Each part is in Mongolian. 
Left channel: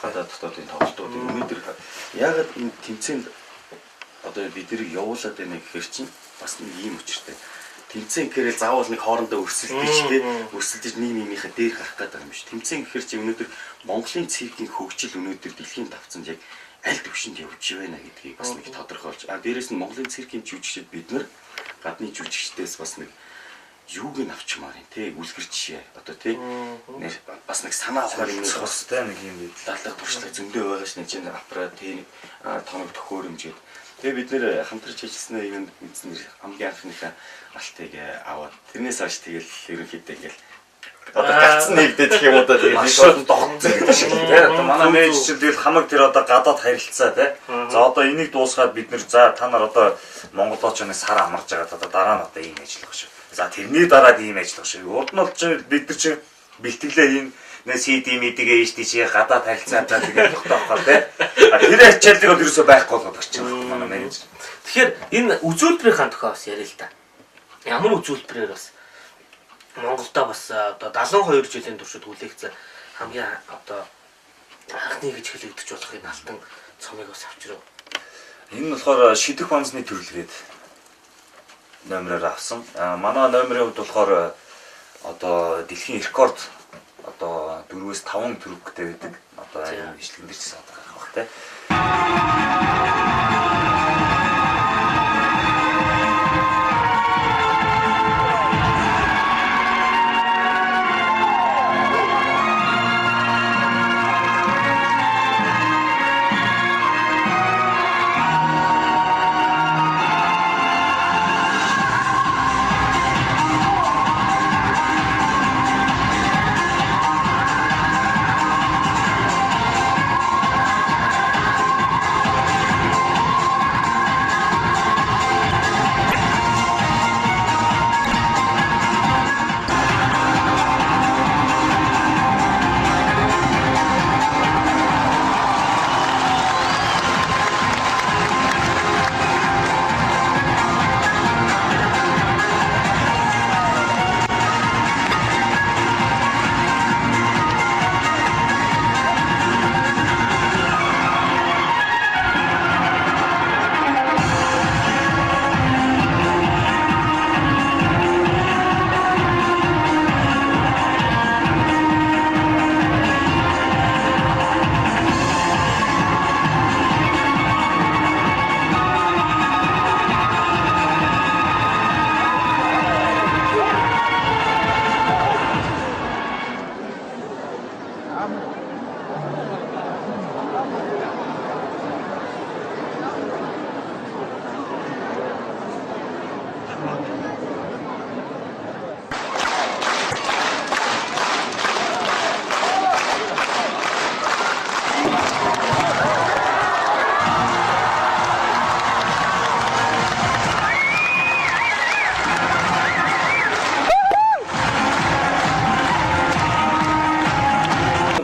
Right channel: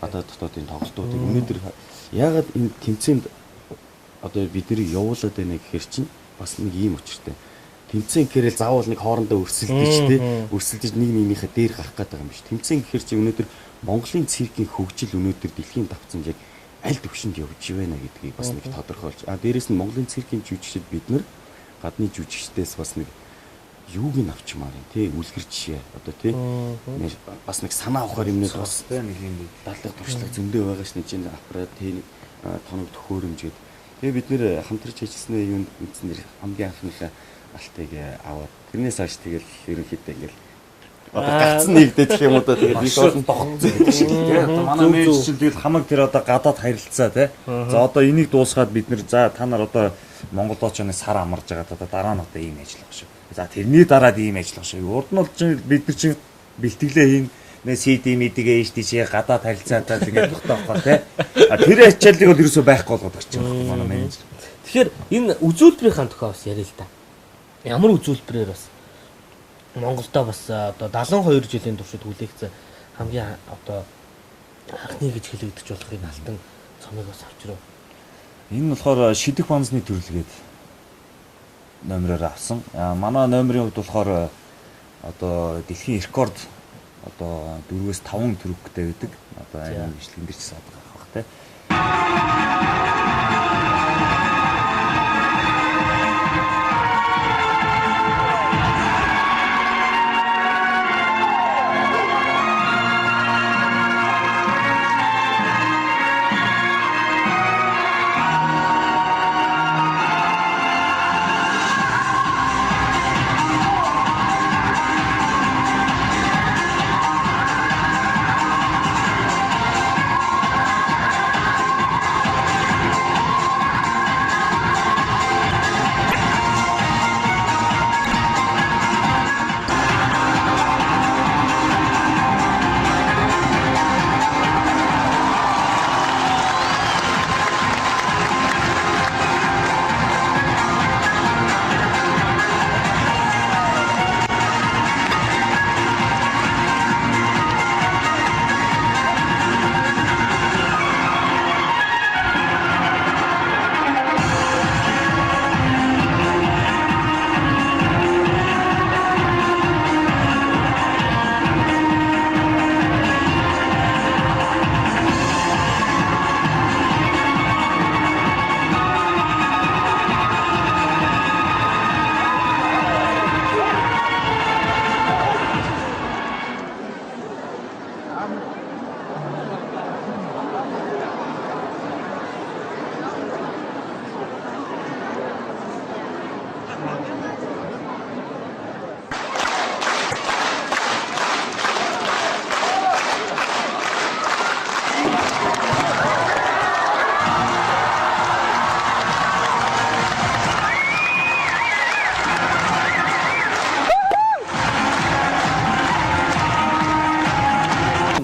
гадаад дотоодын тоглолтуудыг өнөөдөр яагаад энэ тэмцээнд одоо бид тэрийг явуулаад байна гэхээр чинь бас нэг ийм учиртай. Тэмцээн гэхээр заавал нэг хоорондоо өрсөлдөж тий өрсөлдөж нэг нэгнийхээ дээр гарах гэдэг юм биш. Тэмцээн гэхээр чи өнөөдөр Монголын циркийн хөгжил өнөөдөр дэлхийн давцанд яг аль түвшинд явж байна гэдгийг бас нэг тодорхойлж. Дээрээс нь Монголын циркийн жүжигчид бид нар гадны жүжигчдээс бас нэг юуг нь авчмаар юм тий үлгэр жишээ одоо тий бас нэг санаа авахар юм бас нэг юм би дадлаг туршлага зөндөө байгаа ш нэг чинь аппарат тий тоног төхөөрөмж. Тэгээ бид нэр хамтарч хийжсэн юм мэдснээр хамгийн анхныхаа алтыг аваад тэрнээс хойш тэгэл ерөнхийдөө ингээл одоо гацсан нэгдэх юм одоо тэгээд нэг бол тогтцоо гэдэг шиг тий одоо манай менежер чинь тэгэл хамаг тэр одоо гадаад харилцаа тий за одоо энийг дуусгаад бид нэр за та нар одоо Монголооч нэг сар амарч байгаа одоо дараа нь одоо ийм ажиллах шүү. За тэрний дараад ийм ажиллах шүү. Урд нь бол чинь бид нар чинь бэлтгэлээ хийн нэ CD мэдгээ HDC гадаад харилцаатаа тэгээд тогтоохоо тий. Тэр ачааллыг бол ерөөсөө байхгүй болгох гэж байна манай менежер. Тэгэхээр энэ үзүүлбэрийн тохиол бас яриа л та. Ямар үзүүлбэрээр бас Монголда бас одоо 72 жилийн туршид хүлээгдсэн хамгийн одоо анхны гэж хэлэгдэж болох энэ алтан цомыг бас авчирав. Энэ болохоор шидэх банзны төрөлгээд номероор авсан. Манай номерын хувьд болохоор одоо дэлхийн рекорд одоо 4-5 төрөвтэй байдаг. Одоо энэ бичлэгэн дээр ч саад гарах бах те.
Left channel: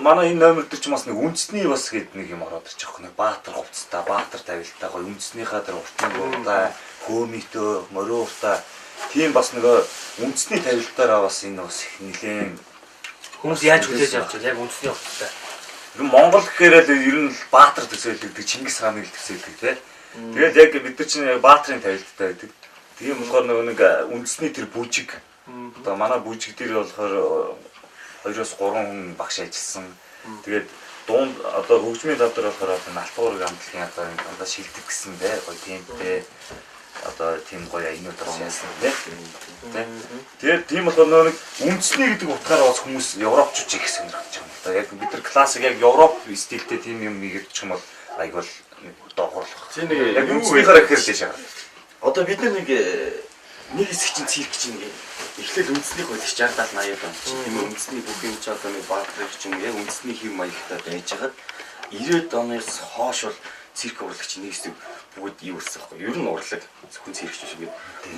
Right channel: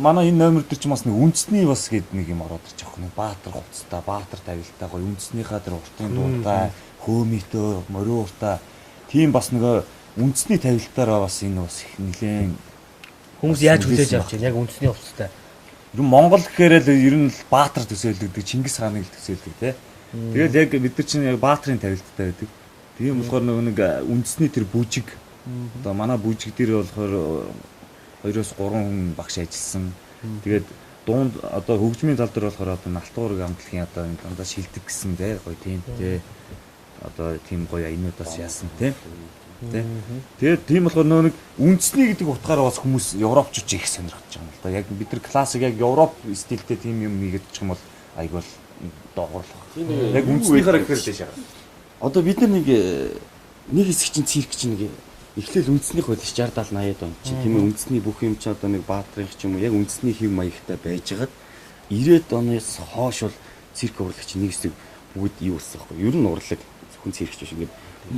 Манай энэ номер дээр ч бас нэг үндэсний бас гээд нэг юм ороод ирчих واخ. Нэг баатар хувцастай, баатар тавилттай гоё үндэснийхаа дээр урттай, хөөмитөө, мориуртай тийм бас нэг үндэсний тавилтаараа бас энэ бас нэлээд хүмүүс яаж хүлээж авч байна яг үндэсний хувцастай. Ер нь Монгол гэхээр л ер нь баатар төсөөлөгдөг, Чингис хааны л төсөөлдөг тий. Тэгээд яг бид нар чинь баатарын тавилттай байдаг. Тийм болохоор нэг үндэсний тэр бүжиг одоо манай бүжиг дээр болохоор 2-3 хүн багш ажилласан. Тэгээд дунд одоо хөгжмийн тав дээр болохоор одоо Алтуурыг амтлагын одоо дандаа шилдэг гэсэн дээ. Гоё тиймтэй одоо тийм гоё аянуудаас яасан тий. Тэгээд тийм болохоор нэг үндэсний гэдэг утгаараа бас хүмүүс европчууд их сонирхож байгаа. Одоо яг бид нар классик яг Европ стилтэй тийм юм хийгдчих юм бол айгүй л доогуурлах. Яг үндэснийхаараа гэхэлж байгаа. Одоо бид нар нэг хэсэг чинь цирк чинь нэг эхлээл үндэснийх байдаг 60 70 80 он чинь тийм үндэсний бүх юм чи одоо нэг баатрах чинь яг үндэсний хэв маягтай байж байгаа. 90-ад оноос хойш бол цирк урлагч нэг хэсэг бүгд юу болсон байхгүй. Ер нь урлаг зөвхөн циркч шиг ингээд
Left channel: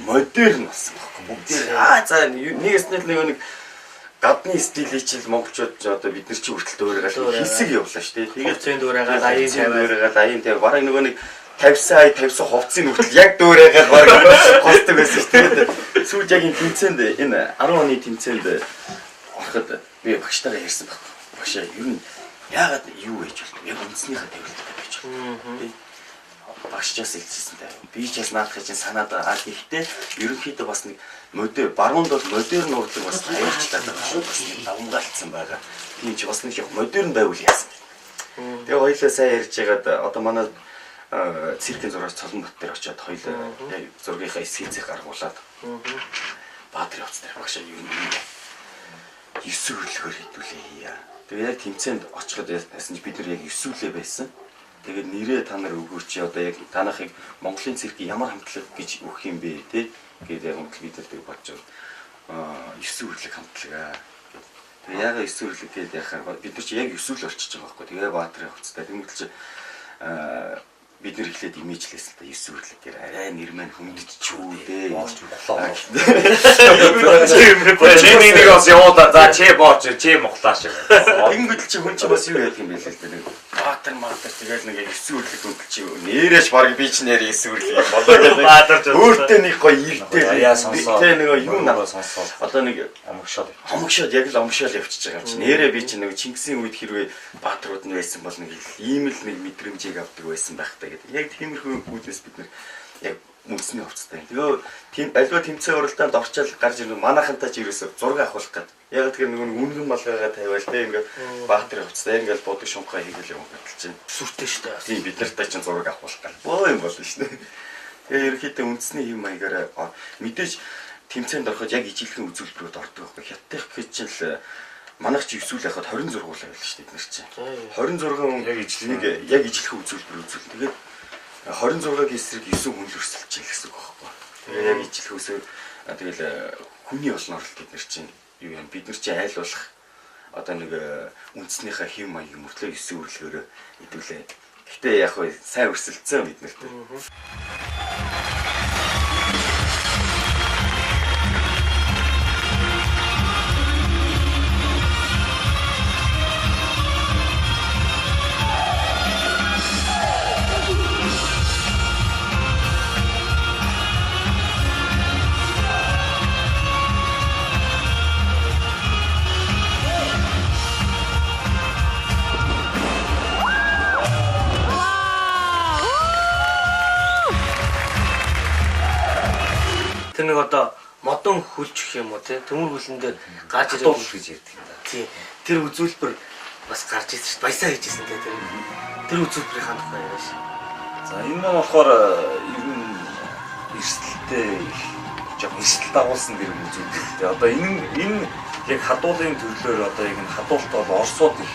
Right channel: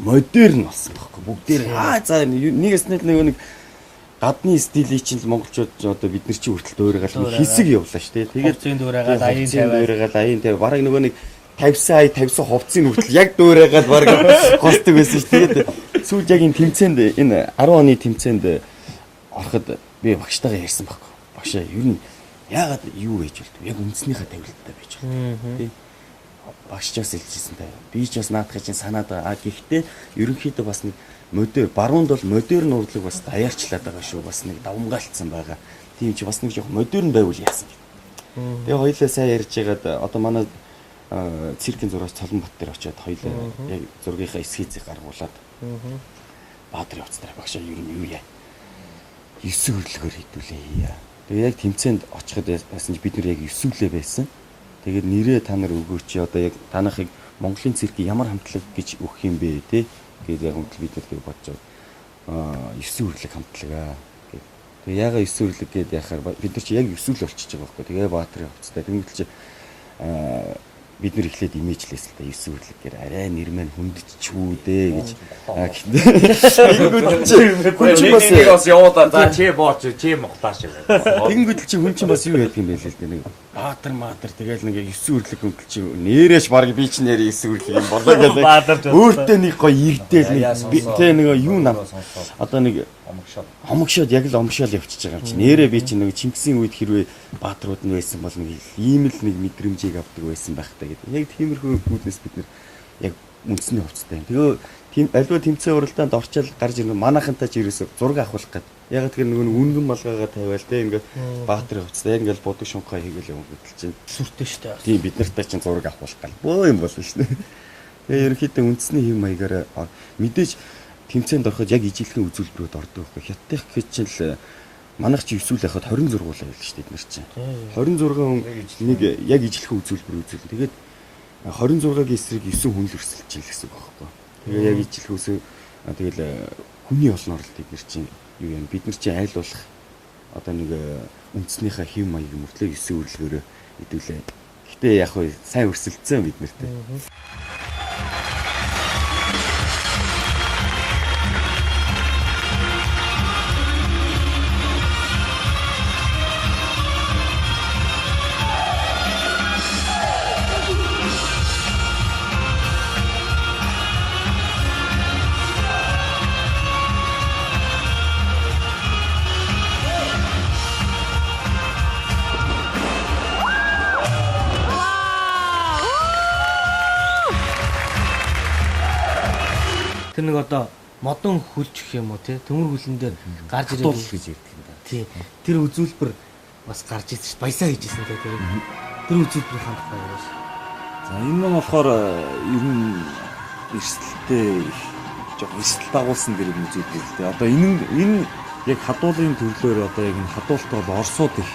модерн болсон байхгүй. Бүгдээр за нэгээс нэг гадны стилийг чинь монголчууд одоо бид нар чи хүртэл дөөрөөгөл хэсэг явлаа шүү дээ. Тэгээд хувцсын дөөрөөгөл аян 50 бараг нөгөө нэг 50 хувцсын хүртэл яг дөөрөөгөл бараг хостог байсан шүү дээ. Сүүлд яг энэ тэмцээнд энэ 10 оны тэмцээнд ороход би багштайгаа ярьсан байхгүй. Багшаа ер нь Яагаад юу гэж бол яг үндснийхээ тавилттай гэж байна. Тий. Багшчаас хэлчихсэнтэй. Би ч бас наадах чинь санаад байгаа. Гэхдээ ерөнхийдөө бас нэг баруунд бол модерн урлаг бас аяарчлаад байгаа шүү. Бас нэг давмгаалцсан байгаа. Тийм чи бас нэг яг модерн байвал яасан. Тэгээ хоёлаа сайн ярьж байгаад одоо манай циркийн зураач Цолонбат дээр очиод хоёлаа яг зургийнхаа эскизийг гаргуулад Баатар явц дээр багшаа юу юм. 9 хөрлөгөөр хэдүүлээ. Тэгээ яг тэмцээнд очиход яасан чи бид нэр яг 9 үлээ байсан. Тэгээд нэрээ та нар өгөөч одоо яг танахыг Монголын циркийн ямар хамтлаг гэж өгөх юм бэ те гэдэг яг үнтэл бид нар бодож байгаа. 9 үрлэг хамтлагаа гэдэг. Тэгээ яга 9 үрлэг гэдэг яхаар бид нар чи яг 9 үл орчиж байгаа байхгүй. Тэгээ Баатарын хувцастай. Тэгмэл чи бид нэр ихлээд имижлээс л та 9 үрлэг гэр арай нэр маань хөндчихүү дээ гэж. Нэг бас явуулаа за чи бооч чи мохлааш. Тэгэнгүүт чи хүн чинь бас юу яадаг юм бэ л дээ. Баатар маатар тэгэл нэг 9 үрлэг хөндөл чи нэрэж баг би чи нэр 9 үрлэг юм болоо гэдэг. Өөртөө нэг гоё ирдэл би тэ нэг юу надад сонссоо. Одоо нэг хомгшоод яг л омшоол явчихж байгаа юм чи. Нэрээ би чи нэг Чингисийн үед хэрвээ баатрууд нь байсан бол нэг ийм л нэг мэдрэмжийг авдаг байсан байх та гэдэг. Яг тиймэрхүү үүднээс бид нэр яг үндэсний хувцастай. Тэгээ тийм альва тэмцээн уралдаанд орчаал гарч ирнэ. Манайхантай ч ерөөсө зураг авах гээд. Яг тэр нөгөө үнгэн болгоога тавиал тэ ингээд Баатарын хувцастай ингээд бодог шунхаа хийгээл явах гэдэг чинь сүртэй шүү дээ. Тийм бид нартай чинь зураг авах гээд. Оо юм болно шүү дээ. Тэгээ ерөөхдөө үндэсний хэм маягаар мэдээж тэмцээнд ороход яг ижилхэн үзүүлбэрүүд ордог байхгүй. Хятадх гэж чинь л манайх чи 9 үл яхад 26 байл шүү дээ бид нар чинь. 26 нэг яг ижилхэн үзүүлбэр үзүүл. Тэгээд 26-гийн эсрэг 9 хүн л өрсөлдөж байгаа гэсэн үг байхгүй. Тэгээд яг ижилхөөсөө тэгэл хүний олноор л бид нар чинь юу юм бид нар чинь айлуулах одоо нэг үндснийхээ хэв маяг мөртлөө 9 үрлгөөрөө хэдүүлээ. Гэтэ яг хөө сайн өрсөлдсөн бид нарт. Тэр нэг одоо модон хүлчих юм уу те төмөр хүлэн дээр gaаж ирэх гэж ярьдаг юм да. Тий. Тэр үзүүлбэр бас гарч ирсэн шүү. Баясаа хийжсэн те тэр үзүүлбэрийн хандлагаа яаш. За энэ нь болохоор ер нь эрсдэлтэй жоо эрсдэл дагуулсан гэх юм үзүүлдэг. Одоо энэ яг хадуулын төрлөөр одоо яг энэ хадуулт бол Оросууд их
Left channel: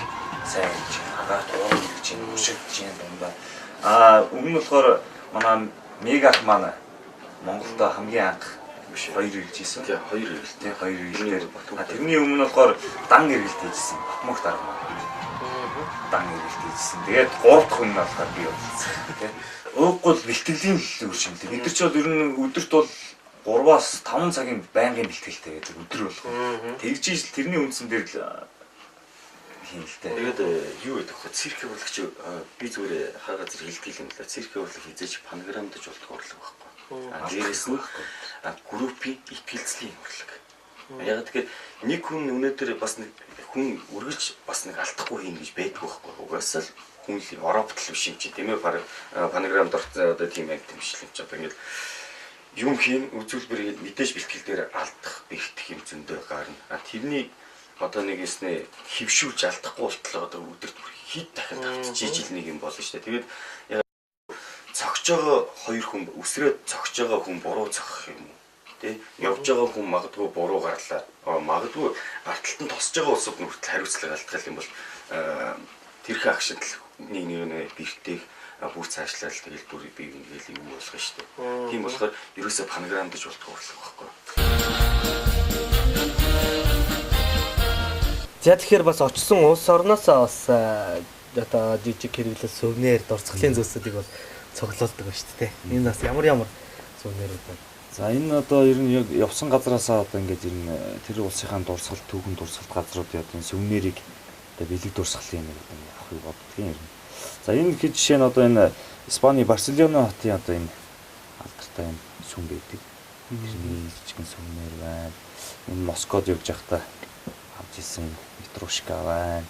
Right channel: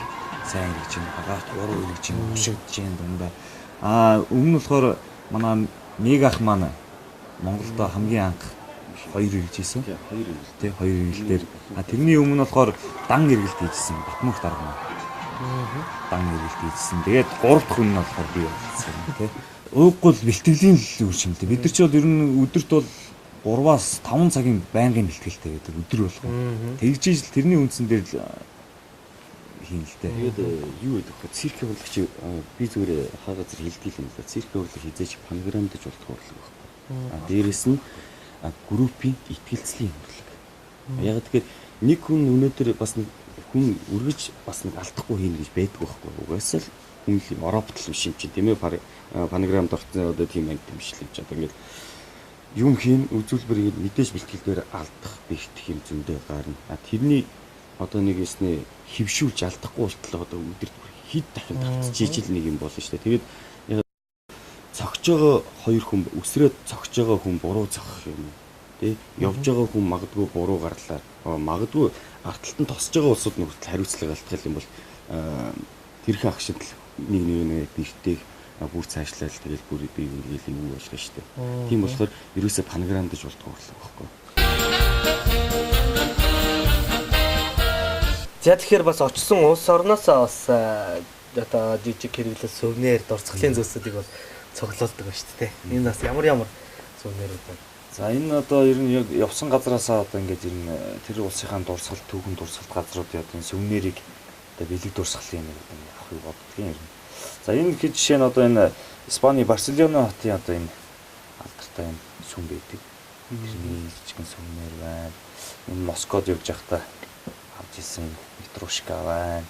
сайн хийж байна. Агаарт ураг хийж байна, ушигдж байна дундаа. Өмнө нь болохоор манай Мегах маань Монголд хамгийн анх 2 иржсэн. Тий 2 ирэл. Тий 2 ирэлээр. Тэрний өмнө болохоор дан ирэлт хийжсэн. Батмах дарга. Дан ирэлт хийжсэн. Тэгээд 3 дахь хүн нь болохоор би болсон. Тий. Ууггүй бэлтгэлийн үр шимтэй. Бид нар ч бол ер нь өдөрт бол 3-аас 5 цагийн байнгын бэлтгэлтэй байдаг өдөр болгоо. Тэгж ижил тэрний үндсэн дээр л хийн л дээ. Тэгээд юу гэдэг вэ? Цирк хөвлөгч би зүгээр хаа газар хэлдэг юм л да. Цирк хөвлөг хизээж панограмдаж болдог урлаг байхгүй. Дээрээс нь группийн ихтгэлцлийн хөрлөг. Яг тэгэхээр нэг хүн өнөөдөр бас нэг хүн үргэлж бас нэг алдахгүй хийн гэж байдгүй байхгүй. Угаасаа л хүн л Европт л биш юм чи тийм ээ панограмд орсон одоо тийм яг тийм биш л юм чи одоо ингээд юм хийн үзүүлбэрийг мэдээж бэлтгэл дээр алдах бэртэх юм зөндөө гарна. Тэрний одоо нэг яснэ хөвшүүлж алдахгүй болтлоо одоо өдөрт хэд дахин тавцчихж ижил нэг юм болно шүү дээ. Тэгээд цогж байгаа хоёр хүн өсрөөд цогж байгаа хүн буруу цогох юм тий явж байгаа хүн магадгүй буруу гарлаа магадгүй арталтан тосж байгаа улсууд нүртэл хариуцлага алдах юм бол тэрхүү агшид нэг бэртэйг бүр цаашлаад тэгэл бүр би ингээл юу болох шүү дээ. Тийм болохоор ерөөсө панограмдаж болтгоо урлаг байхгүй. За тэгэхээр бас очсон улс орноосоо бас одоо жижиг хэрэглэл сувнэр дурцгалын зүйлсүүдийг бол цуглуулдаг ба шүү дээ. Энэ бас ямар сувнэрүүд байна. За энэ одоо ер нь явсан газараасаа одоо ингээд ер нь тэр улсынхаа дурсгалт түүхэн дурсгалт газруудын одоо энэ сувнэрийг одоо бэлэг дурсгалын юм авахыг боддог юм. За энэ хэд жишээ нь одоо энэ Испани Барселона хотын одоо энэ алдартай энэ сүм байдаг. Тэрний жижигэн сувнэр байна. Энэ Москвад явж байхдаа авч ирсэн Петрушка байна.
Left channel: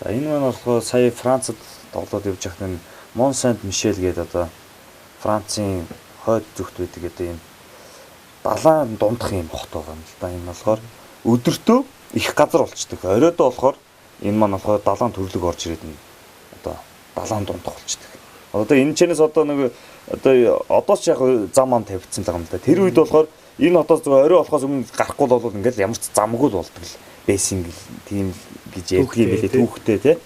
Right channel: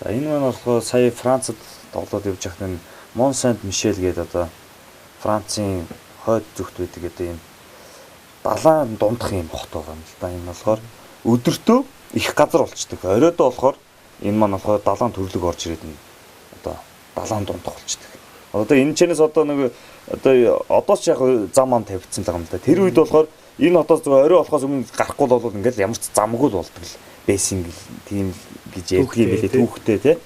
За энэ маань болохоор сая Францад тоглоод явж байхад энэ Мон Сент Мишель гэдэг одоо Францын хойд зүгт байдаг гэдэг юм далайн дундах юм хот байгаа юм л да. Энэ болохоор өдөртөө их газар болчдөг. Оройдоо болохоор энэ маань болохоор далайн төрлөг орж ирээд нь одоо далайн дундах болчдөг. Одоо энэ чэнэс одоо нэг одоо ч яг зам ам тавьчихсан л байгаа юм л да. Тэр үед болохоор энэ хотоос зөв орой болохоос өмнө гарахгүй бол ингээл ямар ч замгүй л болдог л байсан тийм гэж ярьдгийг билээ түүхтэй тий.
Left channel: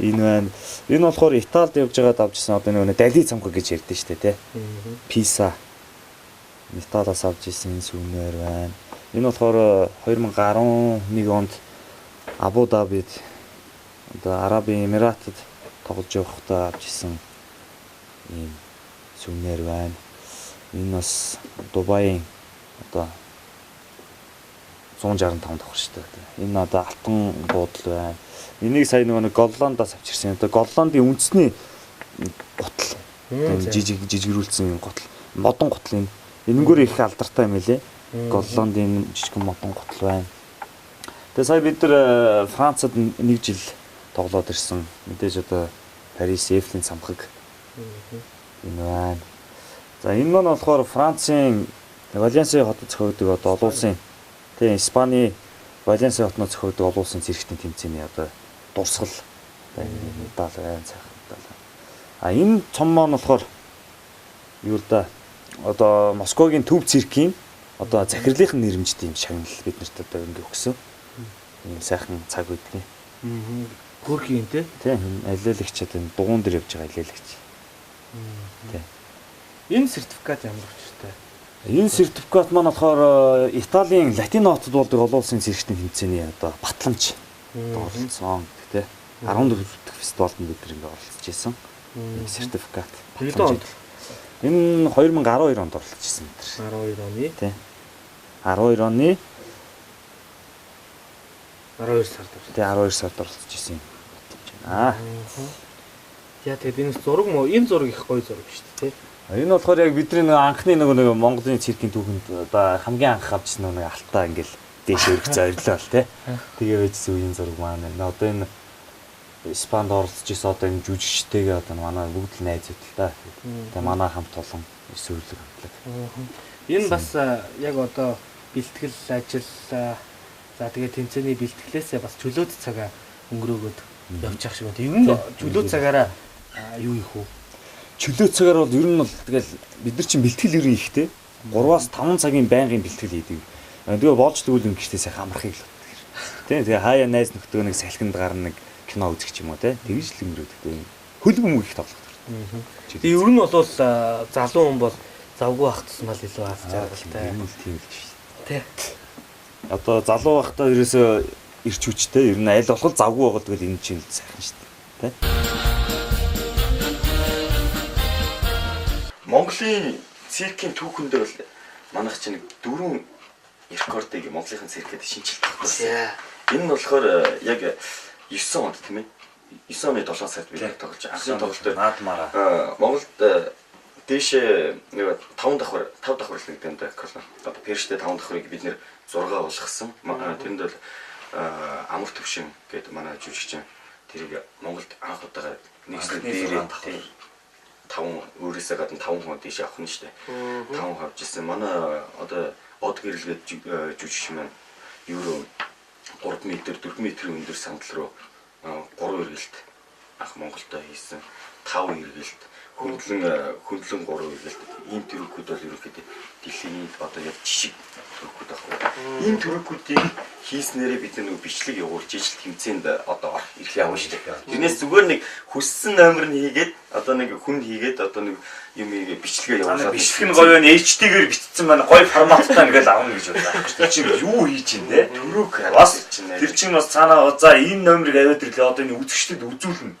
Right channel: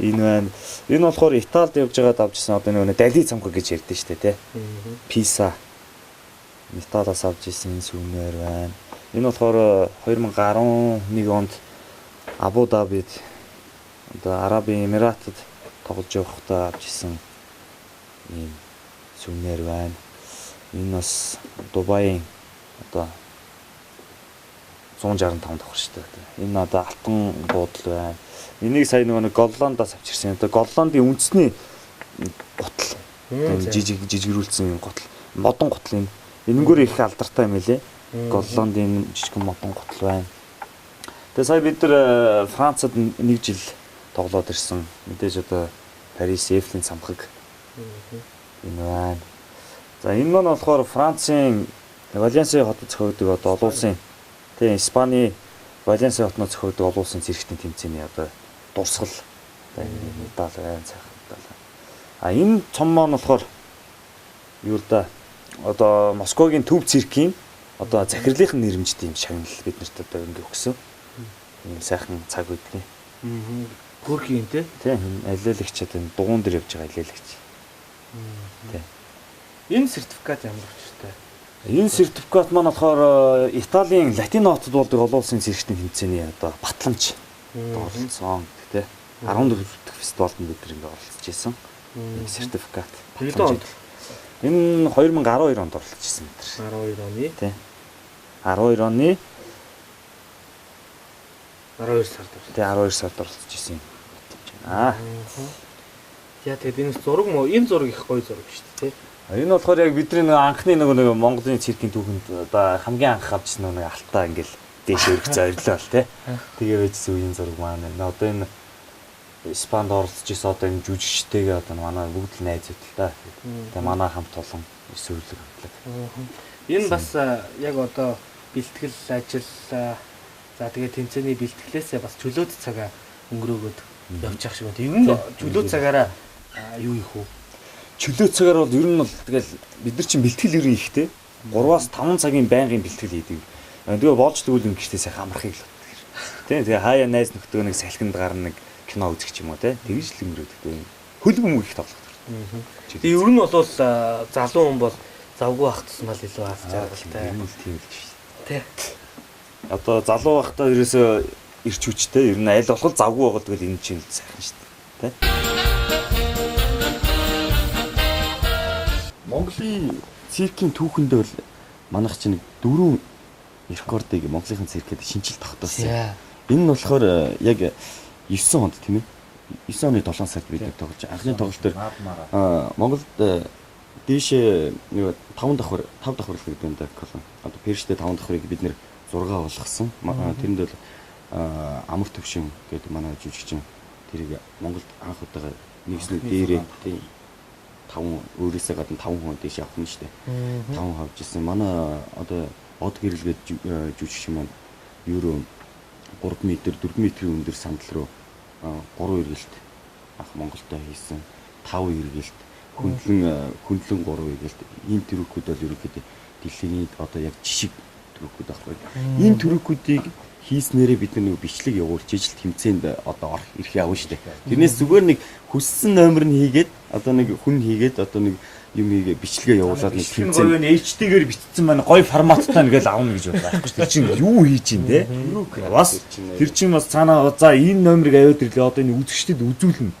Энэ байна. Энэ болохоор Италид явж байгаад авчихсан одоо нэг Дали цамхаг гэж ярьдэн штэ тий. Писа. Италиас авч ирсэн сүмнэр байна. Энэ болохоор 2011 онд Абу Дабид одоо Арабын Эмиратад тоглож явахдаа авч ирсэн ийм сүмнэр байна. Энэ бас Дубайн одоо 165 давхар шүү дээ. Энэ одоо алтан буудал байна. Энийг сая нэг Голландаас авчирсан. Одоо Голландын үндэсний гутал. Жижигрүүлсэн гутал. Модон гутал энэ. Энэнгүүр их алдартай юм лээ. Голландын жижигхэн модон гутал байна. Тэгээ сая бид нар Францад 1 жил тоглоод ирсэн. Мэдээж одоо Парис Эйфелийн цамхаг. Энэ байна. За энэ маань болохоор Францын Валенсиа хотод зохиогддог одоо олон улсын тийм Испани Валенсиа хотноо зохиогддог олон улсын зэрэгтийн тэмцээний одоо дурсгал одоо энэ медаль байна цайхан медаль. А энэ цом маань болохоор юу л да одоо Москвагийн төв циркийн одоо захирлынхын нэрмжтэй юм шагнал бид нарт одоо ингэ өгсөн. Ийм сайхан цаг үдний. Хөрхийн тий. Тийм алиалагч одоо дугуун дээр явж байгаа алиалагч. Тийм. Энэ сертификат ямар учиртай? Энэ сертификат маань болохоор Италийн Латино хотод болдог олон улсын зэрэгтийн тэмцээний одоо батламж оролцсон тий. 14 дахь фестивалд бид нар ингэ оролцож исэн. Энэ сертификат. Хэдэн онд? Энэ 2012 онд оролцож исэн бид нар. 12 оны. Тий. 12 оны 12 сард. Тий 12 сард оролцож исэн. Аа. Яа тэгээд энэ зураг мó энэ зураг их гоё зураг шүү дээ тий. Энэ болохоор яг бидний нэг анхны нэг Монголын циркийн түүхэнд одоо хамгийн анх авчихсан нэг алтаа ингээл дээш өргөц ойрлоо л тий. Тэгээ байжсэн үеийн зураг маань. Одоо энэ Испанд оролцож исэн одоо энэ жүжигчтэйгээ одоо манай бүгд л найзууд л та. Тэгээ манай хамт олон өсвөрлөг хамтлаг. Энэ бас яг одоо бэлтгэл ажил за тэгээ тэмцээний бэлтгэлээсээ бас чөлөөт цагаа өнгөрөөгөөд явчих шиг байна. Ер нь чөлөөт цагаараа юу их вэ? Чөлөө цагаар бол ер нь бол тэгэл бид нар чинь бэлтгэл ерөн ихтэй 3-5 цагийн байнгын бэлтгэл хийдэг. Тэгээ болж тэгвэл ингэжтэй сайхан амархыг л боддог. Тийм тэгээ хаяа найз нөхдөг нэг салхинд гарна нэг кино үзэх ч юм уу те тэгж л өнгөрөөдөг. Хөлбөм их тоглох. Тэгээ ер нь бол залуу хүн бол завгүй ах тусмал илүү аз жаргалтай. Юм л тийм л шүү дээ. Тэ. Одоо залуу байхдаа ерөөсөө ирч хүчтэй ер нь аль болох завгүй байгаа тэгэл энэ чинь сайхан шүү дээ. Тэ. Монголын циркийн түүхэндээ бол манайх чинь 4 рекордыг Монголын циркэд шинжилт тогтоосон. Энэ нь болохоор яг 9 онд тийм ээ. 9 оны 7 сард бид тоглож анхны тоглолт дээр Монголд дээшээ 5 давхар л гэдэг юм да. Одоо Перштэй 5 давхрыг бид нэр 6 болгосон. Тэрэнд бол амар төвшин гэдэг манай жүжигчин тэрийг Монголд анх удаага нэгснээ дээрээ тийм 5 өөрөөсөө гадна 5 хүн дэше авах нь шүү дээ. 5 хүн авч ирсэн. Манай одоо од гэрэлгээд жүжигчин маань евро 3 м 4 м өндөр сандал руу 3 эргэлт анх Монголтой хийсэн. 5 эргэлт хөндлөн 3 эргэлт. Ийм төрөкүүд бол ерөөхдөө дэлхийн одоо яг жишг төрөкүүд байхгүй. Ийм төрөкүүдийг хийснээрээ бид нэг бичлэг явуулж ижил тэмцээнд одоо ирэх явна шүү дээ. Тэрнээс зүгээр нэг хүссэн номер нь хийгээд одоо нэг хүн хийгээд одоо нэг юм бичлэгээ явуулаад бичлэг нь гоё HD-гээр бичсэн маань гоё форматтай ингээл авна гэж бодлоо. Тэр чинь юу хийж ин те? Төрөг бас тэр чинь бас цаанаа за энэ номерыг аваад ирлээ одоо энэ үзэгчдэд үзүүлнэ.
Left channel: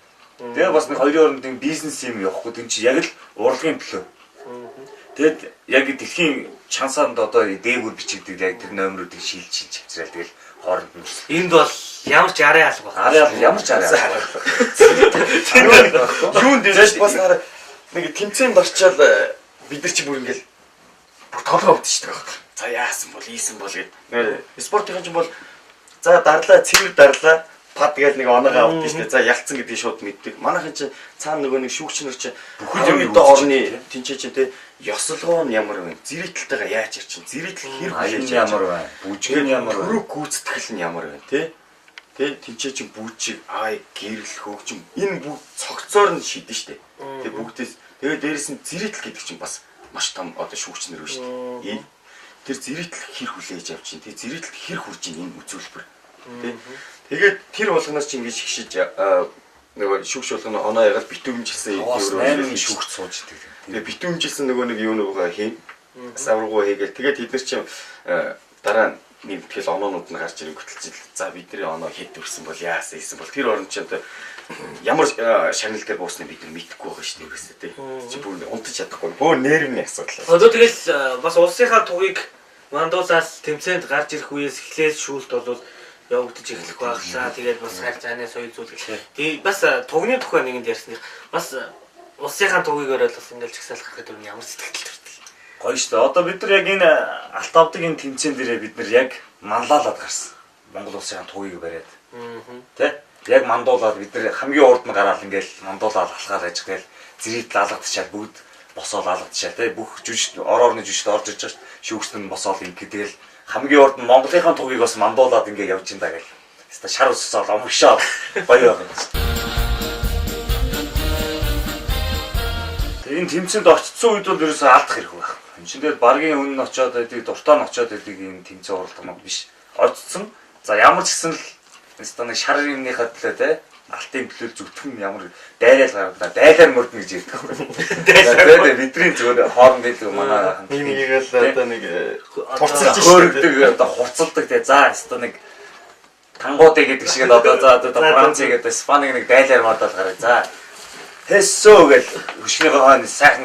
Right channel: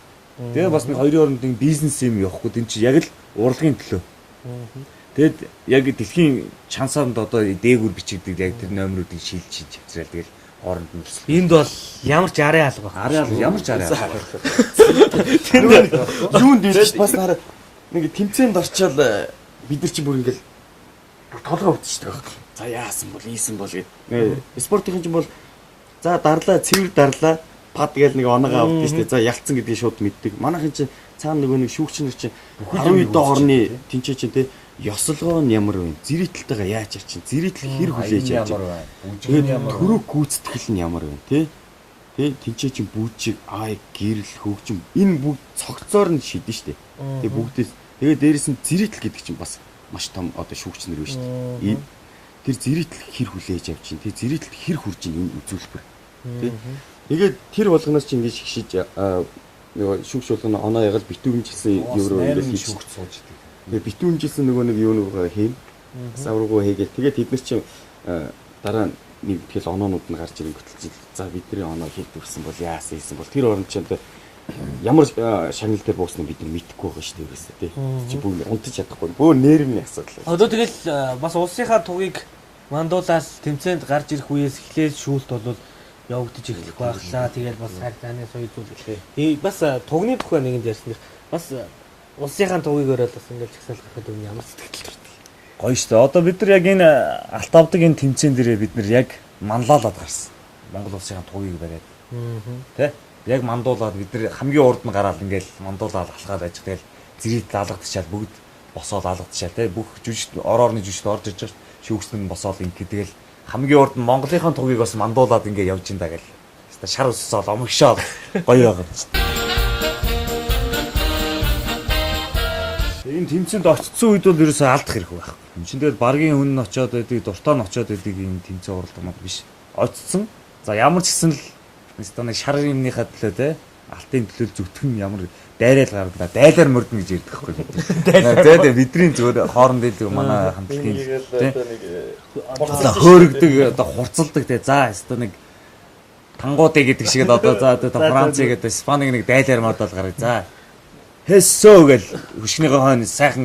Тэгээ бас нэг хоёрын хооронд бизнес юм явахгүй тийм чи яг л урлагийн төлөө. Тэгэд яг дэлхийн шансаанд одоо дээгүүр бичигдэг яг тэр номеруудыг шилж хавцраал тэгэл хооронд нь. Энд бол ямар ч арын алга байна. Ямар ч арын алга. Юунд дэж бас нэг тэмцээнд орчоод бид нар чи бүр ингээл бүр толгой өвдөж шүү дээ. За яасан бол ийсэн бол гэдэг. Спортын чинь бол За дарлаа, цэвэр дарлаа. Пад гээл нэг оноогоо авдсан шүү дээ. За ялцсан гэдгийг шууд мэддэг. Манайхын чинь цаана нөгөө нэг шүүгчнэр чинь бүхэл орны тэнцээ чинь те ёслогоо нь ямар вэ? Зэрэгтэлтэйгээ яаж ирчин? Зэрэгтэл хэр хүлээж яаж байна? Бүжгийн ямар вэ? Төрөг гүйцэтгэл нь ямар вэ? Тэ? Тэнцээ чинь бүжиг, гэрэл, хөгжим энэ бүгд цогцоор нь шийдэн шүү дээ. Тэгээ бүгдээс тэгээ дээрэс нь зэрэгтэл гэдэг чинь бас маш том одоо шүүгчнэр вэ шүү дээ. Тэр зэрэгтэл хэр хүлээж авч чинь? Тэр зэрэгтэл хэр хурж ийн энэ үзүүлбэр. Тэ? Тэгээд тэр болгоноос чи ингэж хишиж нөгөө шүүгч болгоно оноо ягаад битүүмжилсэн евро ингэж шүүгч сууж идэг. Тэгээд битүүмжилсэн нөгөө нэг юу нөгөө хийн. Савргуу хийгээл тэгээд тэд нар чи дараа нэг тэгэл оноонууд нь гарч ирэх хөтөлцөл. За бидний оноо хэд төрсэн бол яасан ийсэн бол тэр оронд чи одоо ямар шанал дээр буусныг бид нар мэдэхгүй байгаа шүү дээ ерөөсөө тий. Чи бүр унтаж чадахгүй. Бөө нэрмийн асуудал. Одоо тэгэл бас улсынхаа тугийг мандуулаад тэмцээнд гарч ирэх үеэс эхлээд шүүлт болвол явагдаж эхлэх байглаа. Тэгээд бас хайр цаанаас соёлзуулах. Тэгээд бас тугны тухай нэгэнд ярьсных. Бас улсынхаа тугийг өрөөл бас ингээл чагсаалах гэхэд ямар сэтгэл төрдөг. Гоё шүү дээ. Одоо бид нар яг энэ алт авдаг энэ тэмцээн дээрээ бид нар яг манлайлаад гарсан. Монгол улсынхаа тугийг бариад. Тэ? Яг мандуулаад бид нар хамгийн урд нь гараад ингээл мандуулаад алхаар яж гээл зэрэг лалгадчихад бүгд босоод алгадчихаа тэ бүх жүжиг орны жүжигт орж ирж байгаа шүүгчнэр нь босоод ингэ тэгэл хамгийн урд нь Монголынхаа тугийг бас мандуулаад ингэ явж ин да гэл. Хэвээ шар өссөөл омгшоо гоё байгаа. Энэ тэмцээнд очсон үед бол ерөөсөө алдах хэрэг байх. Энд чинь тэгэл баргийн хүн нь очиод байдаг, дуртаа нь очиод байдаг юм тэмцээн оролдомод биш. Очсон. За ямар ч гэсэн л хэвээ нэг шар юмныхаа төлөө те алтын төлөв зүтгэн ямар дайрал гаргадаа дайлаар мөрднө гэж ярьдаг байхгүй. Дайлаар бидний зүгээр хооронд илүү манай хамтлагийн одоо нэг хөөрөгдөг одоо хурцалдаг те за хэвээ нэг тангуудыг гэдэг шиг одоо за одоо Франц гэдэг Испанийг нэг дайлаар модал гараа за Хэсөө гэл хөшгийнхөө хойно сайхан